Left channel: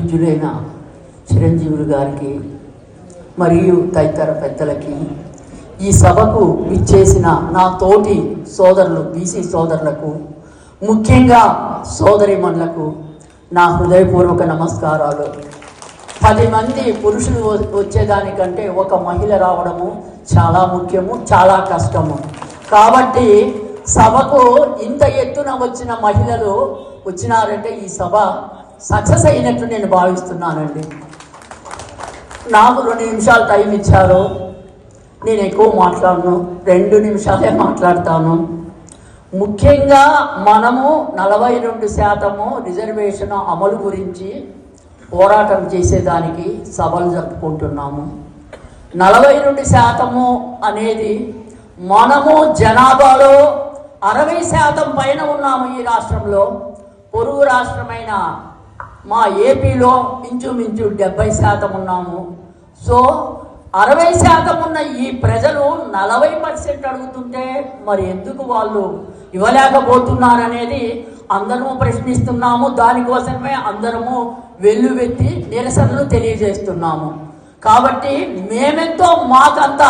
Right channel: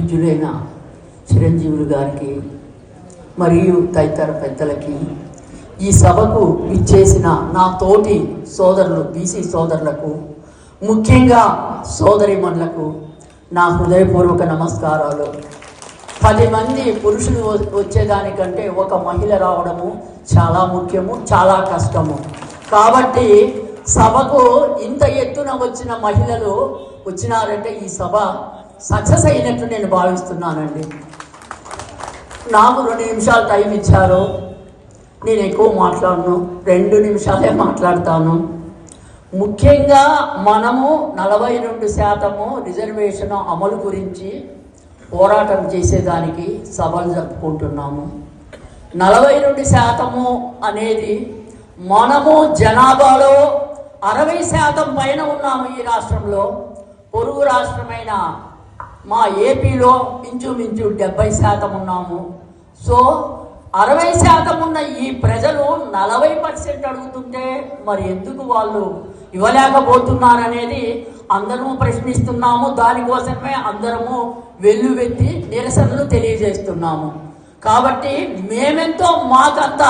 పూజ్యులైన చిరంజీవులు గారికి మరియు తదితర పెద్దలకి ఈ సభకు ఇచ్చేసిన నా తోటి సోదరులు బీసీ సోదరులకు ముఖ్యంగా సోదరిమణులకు నా హృదయపూర్వక నమస్కారాలు. పది మంది పురుషులు వచ్చేదానికంటే ఒక మహిళ రావడము చాలా ముఖ్యము చాలా కష్టము. కాబట్టి సభకు ఇంత ఎత్తున వచ్చిన మహిళలు వచ్చినారంటే ఈ సభ సక్సెస్ అయినట్లు నేను భావిస్తున్నానండి. నాకు రెండు నిమిషాలు టైం ఇచ్చారు. నేను ఎక్కువ మాట్లాడను. రెండు నిమిషాలే మాట్లాడతాను. ముఖ్యంగా మనము నలభై రెండు శాతము రిజర్వేషన్ అమలు గురించి పోరాటం చేసేదానికి సభలు జరుపుకుంటున్నాము. నలభై రెండు శాతము అనేది మనము జనాభాలో అరవై శాతం పైన ఉన్నాము ఈ రాష్ట్రంలో. పొరుగు రాష్ట్రమైన మా ఏపీలో ఇంచుమించు డెబ్బై శాతం ఉన్నాము. సో అరవై శాతం ఉన్న ఈ ప్రజలు నలభై పర్సెంట్ అడుగుతుంటే మరి ఎందుకు వాళ్ళు ఇవ్వలేకపోతున్నారనేది అందరము ప్రశ్నిస్తున్నాము. దానికోసమే అందరము వెల్లువెత్తి నిరసనలు తెలియజేస్తున్నాము. కాబట్టి మేమెంతో మాకంత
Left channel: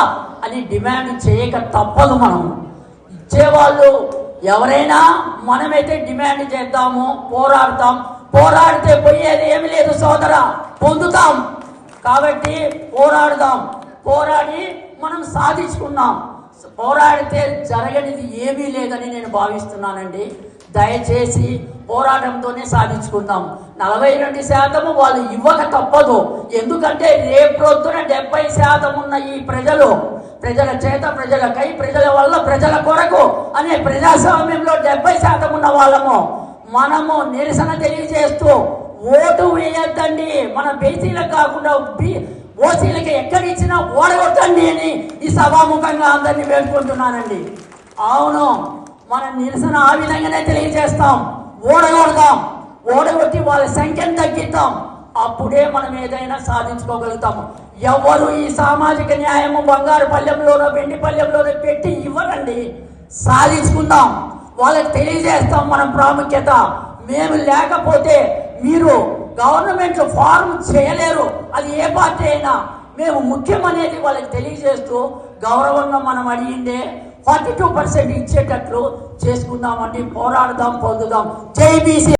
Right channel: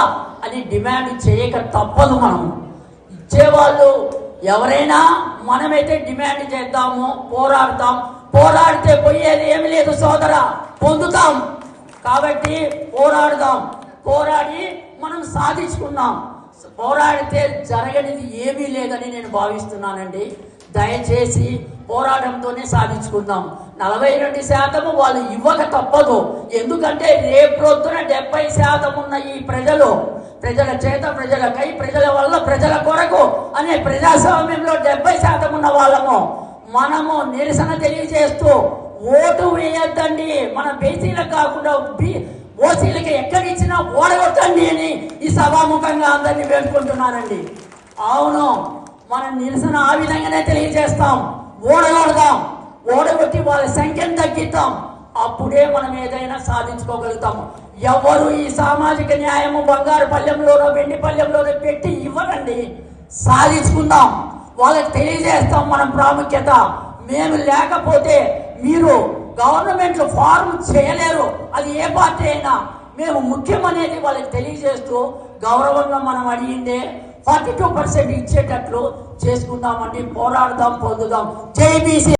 అని డిమాండ్ చేయక తప్పదు మనము. ఇచ్చేవాళ్ళు ఎవరైనా మనమైతే డిమాండ్ చేద్దాము పోరాడతాం పోరాడితే పోయేది ఏమి లేదు సోదర. పొందుతాం. కాబట్టి పోరాడుదాం. పోరాడి మనం సాధించుకున్నాం. పోరాడితే జరగనిది ఏమీ లేదని నేను భావిస్తున్నానండి. దయచేసి పోరాటంతోనే సాధించుకుందాం. నలభై రెండు శాతము వాళ్ళు ఇవ్వక తప్పదు. ఎందుకంటే రేపొద్దున డెబ్బై శాతం ఉన్న ఈ ప్రజలు ప్రజల చేత ప్రజలకై ప్రజల వల్ల ప్రజల కొరకు అనే ప్రజాస్వామ్యంలో డెబ్బై శాతం ఉన్న వాళ్ళము మనము నిరసన తెలియజేస్తూ ఓటు వేయొద్దండి. మన బీసీలకు కాకుండా ఓసీలకు ఎక్కడిచ్చినా ఓడగొట్టండి అని ఈ సభాముఖంగా అందరినీ వేడుకుంటున్నానండి. అవును మన నిరసన ఆ విధంగానే తెలియజేస్తాం. ఓడగొడదాం ఓడగొట్టి వాళ్ళ సంఖ్యను తగ్గిద్దాం అప్పుడే మనం ఏదైనా సాధించుకోగలుగుతాం. ఎవరు ఈ సామాజిక న్యాయము బంగారు పల్లెంలోనో వెండి పల్లెంలోనో పెట్టి ఇవ్వరండి. సాధించుకుందాం. వాళ్ళకి తెలియజేస్తాం మనం ప్రాముఖ్యత. మేము లేకపోతే మీరు గవర్నమెంట్ ఫార్మ్ చేయలేరు. అది ఏ పార్టీ అయినా. మేము ముఖ్యం అనేది వాళ్ళకి తెలియజేస్తూ గౌరవంగా మనం అడిగిందే ఫార్టీ టూ పర్సెంట్ ఇచ్చేటట్లు చేసుకుందామండి పోరాడదాం పొందుదాం. జై